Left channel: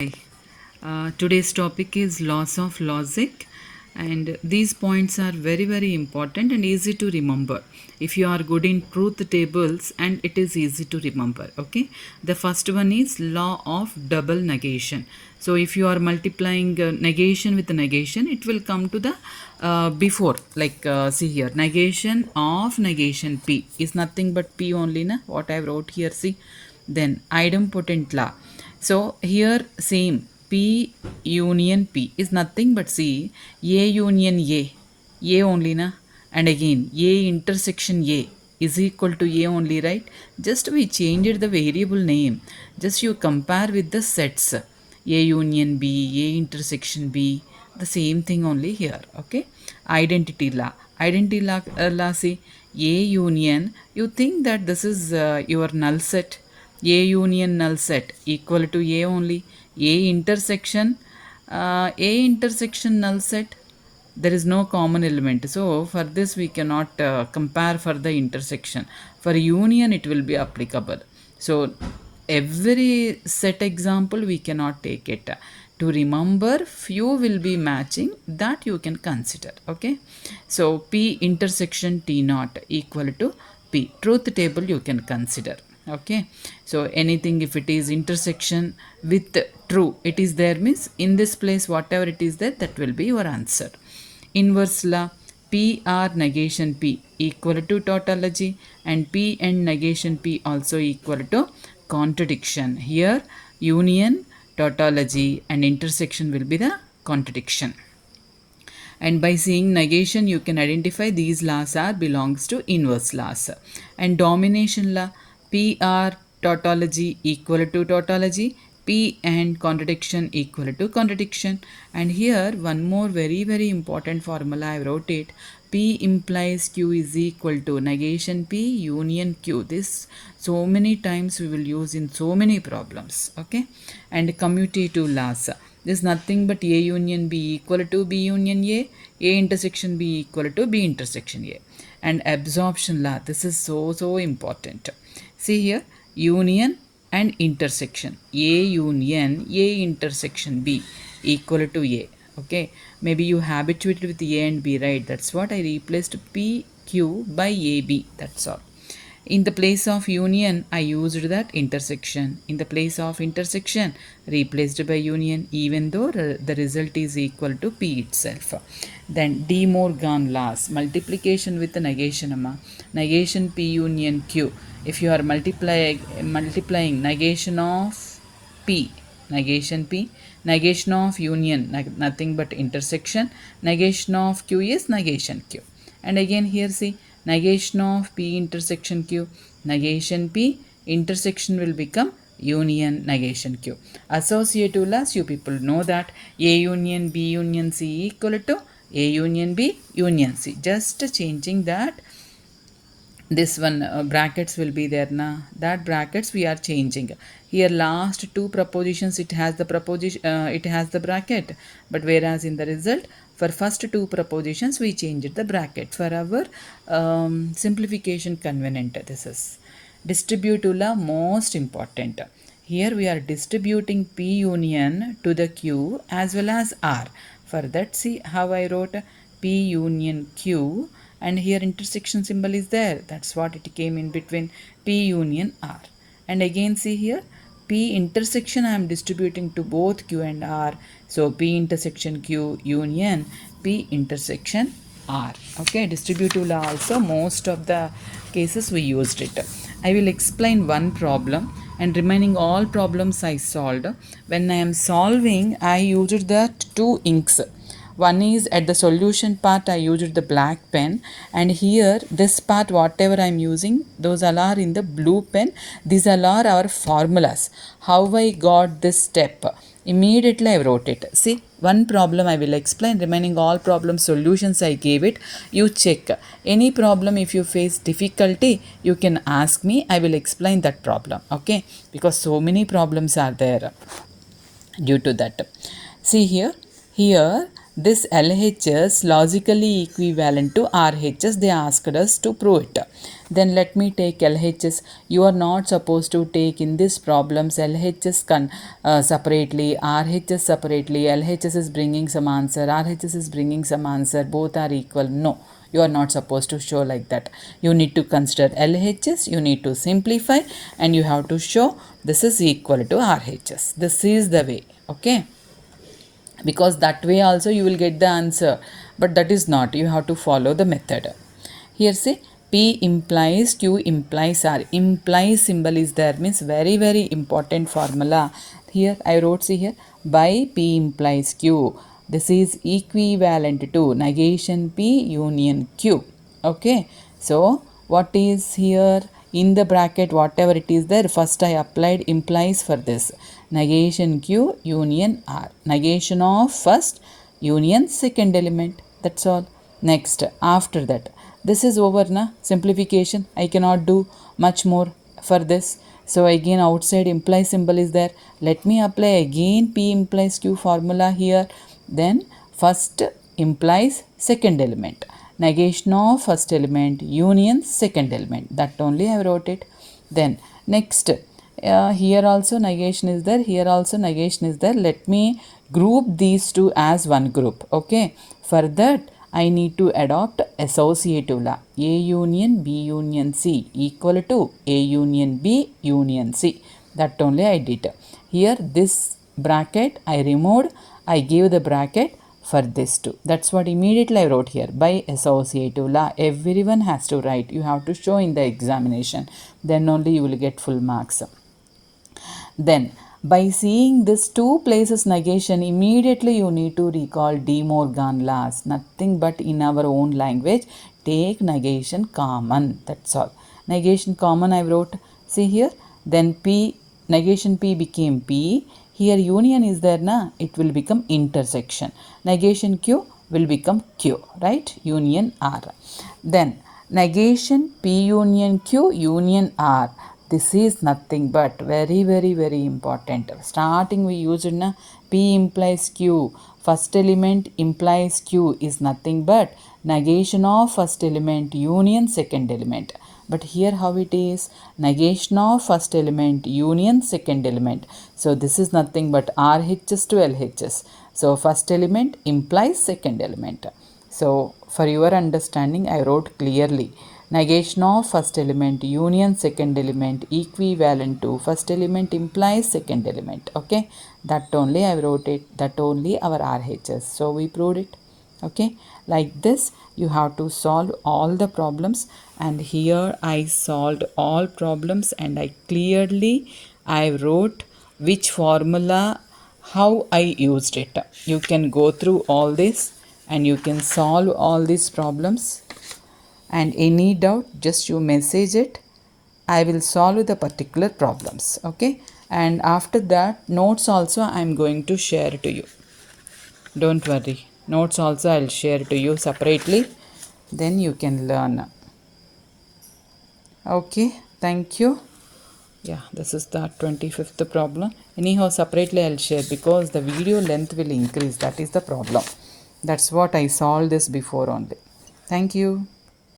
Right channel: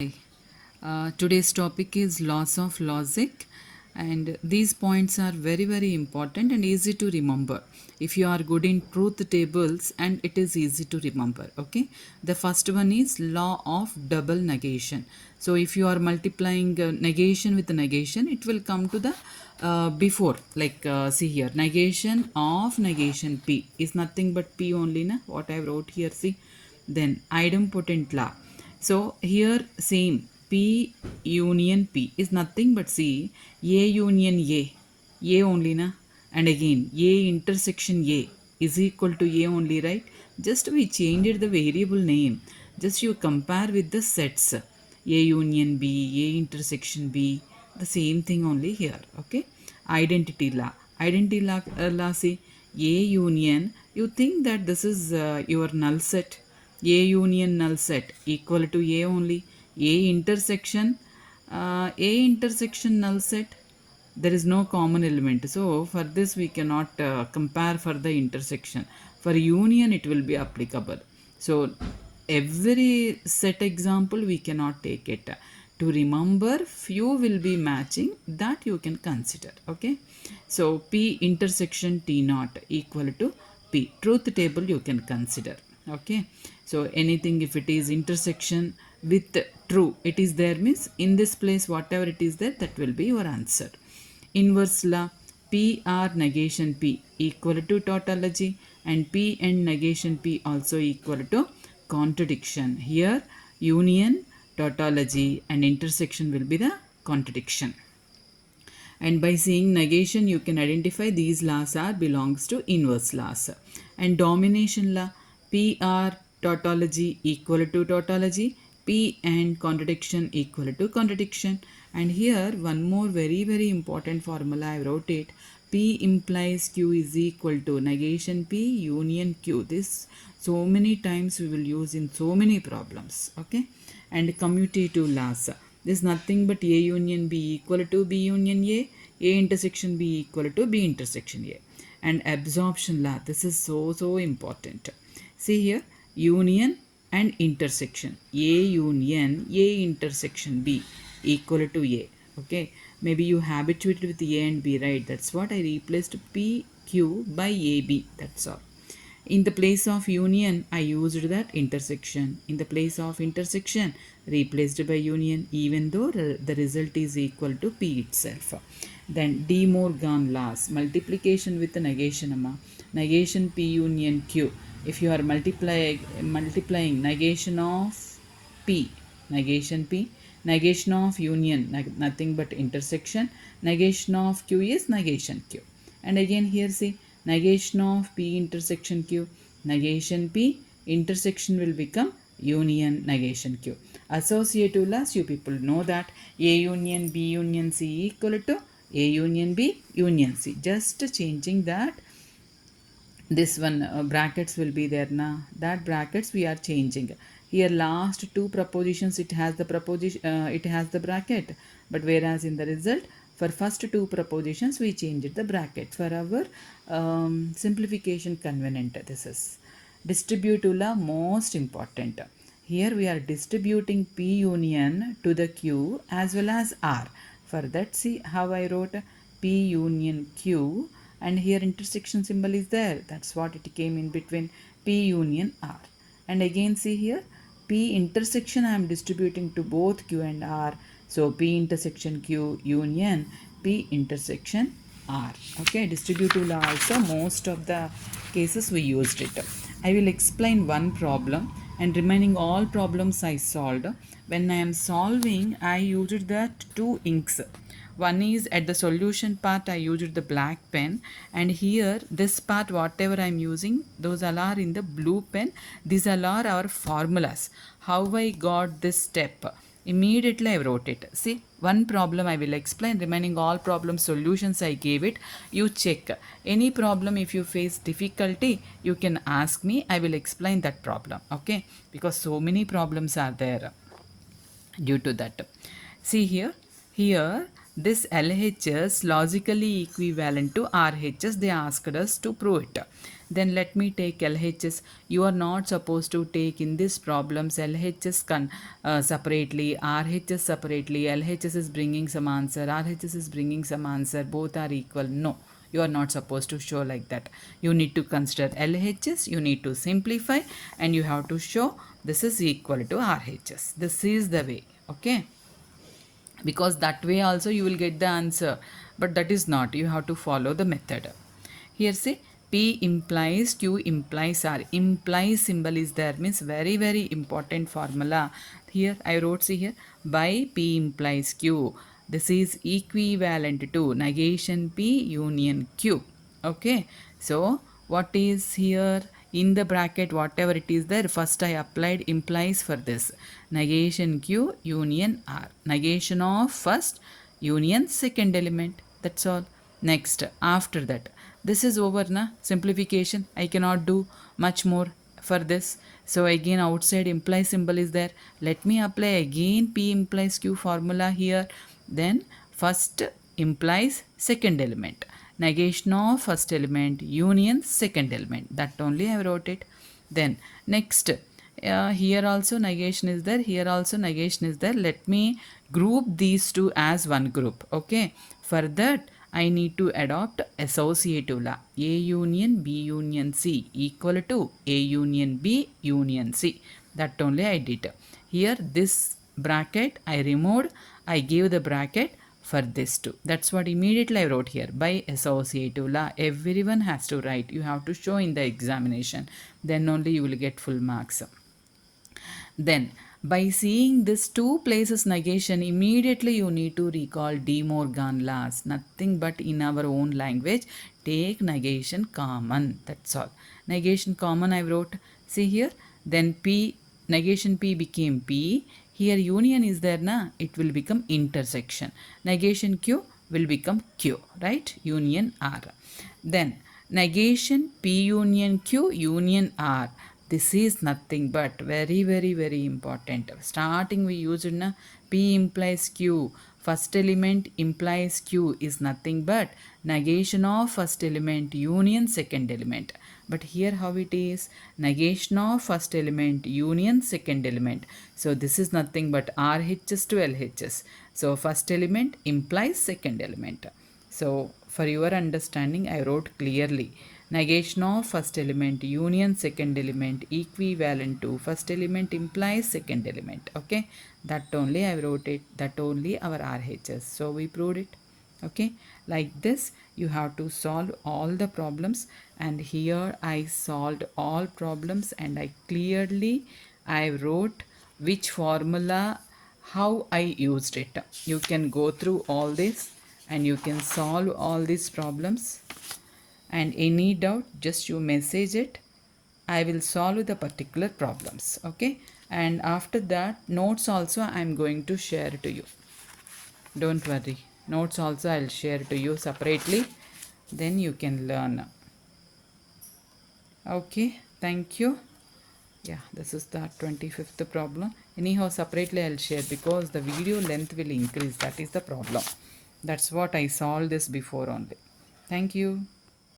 Hi. Today's topic is laws of logic, and these points are very important and easy to remember if you are good in truth tables, and it is easy to remember. Okay, the first one is law of double negation. So if you are multiplying negation with negation, it will come to the before, like see here, negation of negation p is nothing but p only, na, what I wrote here. See, then idempotent law. So here same P union P is nothing but see A union A only, na, and again A intersection A is equal to A only, right? Just we changed the variable name. Just you compare with the sets A union B, A intersection B, the same thing only here. Okay, identity law. Identity law, see A union. You think that this is your null set. A union null set equal to A only. A intersection null set, there is no common element. So for this we cannot compare for the intersection. For union it will be applicable. So every set example we cannot take it. To remember, few will be matching, that you can consider. Okay, so P intersection T naught equal to P. Truth table you can consider. Okay, so anything if it is intersection with true, it is there, means in this place whatever it is there, that will be your answer. Inverse law, P R negation P equal to tautology, and P and negation P also equal to contradiction. Here union, tautology and intersection will be the contradiction. And by seeing negation you can identify these laws are belongs to inverse laws. And domination law, PR tautology equal to tautology, P and contradiction equal to contradiction. And here one more very important formula I wrote it. P implies Q is equal to negation P union Q. This so many times we will use in so many problems. Okay, and commutative laws. This is nothing but A union B equal to B union A intersection B equal to B intersection A. And absorption law, this is so important. See here, union and intersection. A union A intersection B equal to A. Okay, maybe you habituated with A and B, right? That's what I replaced PQ by AB. That's all. In the place of union, I used that intersection. In the place of intersection, replaced by union, even though the result is equal to P itself. Then De Morgan laws, multiplication with negation. Negation P union Q. If you are multiplying negation of P, negation of union, nothing but intersection, negation of Q is negation Q. And again here see, negation of P intersection Q, negation P intersection will become union negation Q. Associative laws, you people know that A union B union C equal to A union B union C. Just changing that, this one brackets will be there now, that brackets we are changing. Here last two propositions it has the proposition, it has the bracket, but whereas in the result for first two propositions we changed the bracket for our simplification convenient. This is distributive law, most important. Here we are distributing P union to the Q as well as R. For that, see how I wrote P union Q, and here intersection symbol is there. That's what it came in between P union R. And again see here, P intersection I am distributing to both Q and R. So P intersection Q union P intersection R. Okay, distributive law also most of the cases we used it. I will explain one problem, and remaining all problems I solved. When I am solving, I used that two inks. One is at the solution part I used the black pen, and here this part whatever I am using, those all are in the blue pen. These all are our formulas. How I got this step? Immediately I wrote it. See, one problem I will explain, remaining all problem solutions I gave it. You check. Any problem if you face difficulty, you can ask me. I will explain that problem. Okay, because so many problems are there due to that. See here this LHS logically equivalent to RHS. They asked us to prove it. Then let me take LHS. You are not supposed to take in this problems LHS separately, RHS separately. LHS is bringing some answer, RHS is bringing some answer, both are equal. No, you are not supposed to show like that. You need to consider LHS, you need to simplify, and you have to show this is equal to RHS. This is the way. Okay, because that way also you will get the answer, but that is not. You have to follow the method. Here say P implies Q implies R. Implies symbol is there, means very very important formula. Here I wrote, see here, by P implies Q, this is equivalent to negation P union Q. Okay, so what is here in the bracket, whatever it is there, first I applied implies for this. Negation Q union R. Negation of first union second element. That's all. Next, after that, this is over na, simplification. I cannot do much more for this. So again outside implies symbol is there. Let me apply again P implies Q formula here. Then first implies second element. Negation of first element union second element. That only I wrote it. Then next, here also negation is there, here also negation is there. Let me group these two as one group. Okay, for that I need to adopt associative law. A union B union C equal to A union B union C. That only I did. Here this bracket I removed, I gave the bracket for this two. That's what immediately I wrote here, by associative law. Everyone has to write. You have to show in the examination. Then only you will get full marks. Then by seeing this two places negation, immediately you need to recall De Morgan laws. Nothing but in our own language, take negation common. That's all. Negation common I wrote. See here. Then P, negation P became P. Here union is there na, it will become intersection. Negation Q will become Q, right? Union R. Then negation P union Q union R. This is nothing but very very important. Starting we used na, P implies Q. First element implies Q is nothing but negation of first element union second element. But here how it is, negation of first element union second element. So this is nothing but RHS to LHS. So first element implies second element. So for your understanding I wrote clearly, negation of first element union second element equivalent to first element implies second element. Okay, that only I wrote it, that only our RHS. So we proved it. Okay, like this you have to solve all the problems, and here I solved all problems and I wrote which formula, how I used it. You can go through all this and you can solve all these problems, and any doubt just you message it. I will solve the particular problems. Okay, and after that notes also I am going to share to you. Don't worry, notes also I'll share to you separately, then you can learn. Okay, thank you. Yeah, this is the 25th problem. Anyhow, separately I'll share because the video length will increase. That is the problem. That's what I solved this before only. Thank you.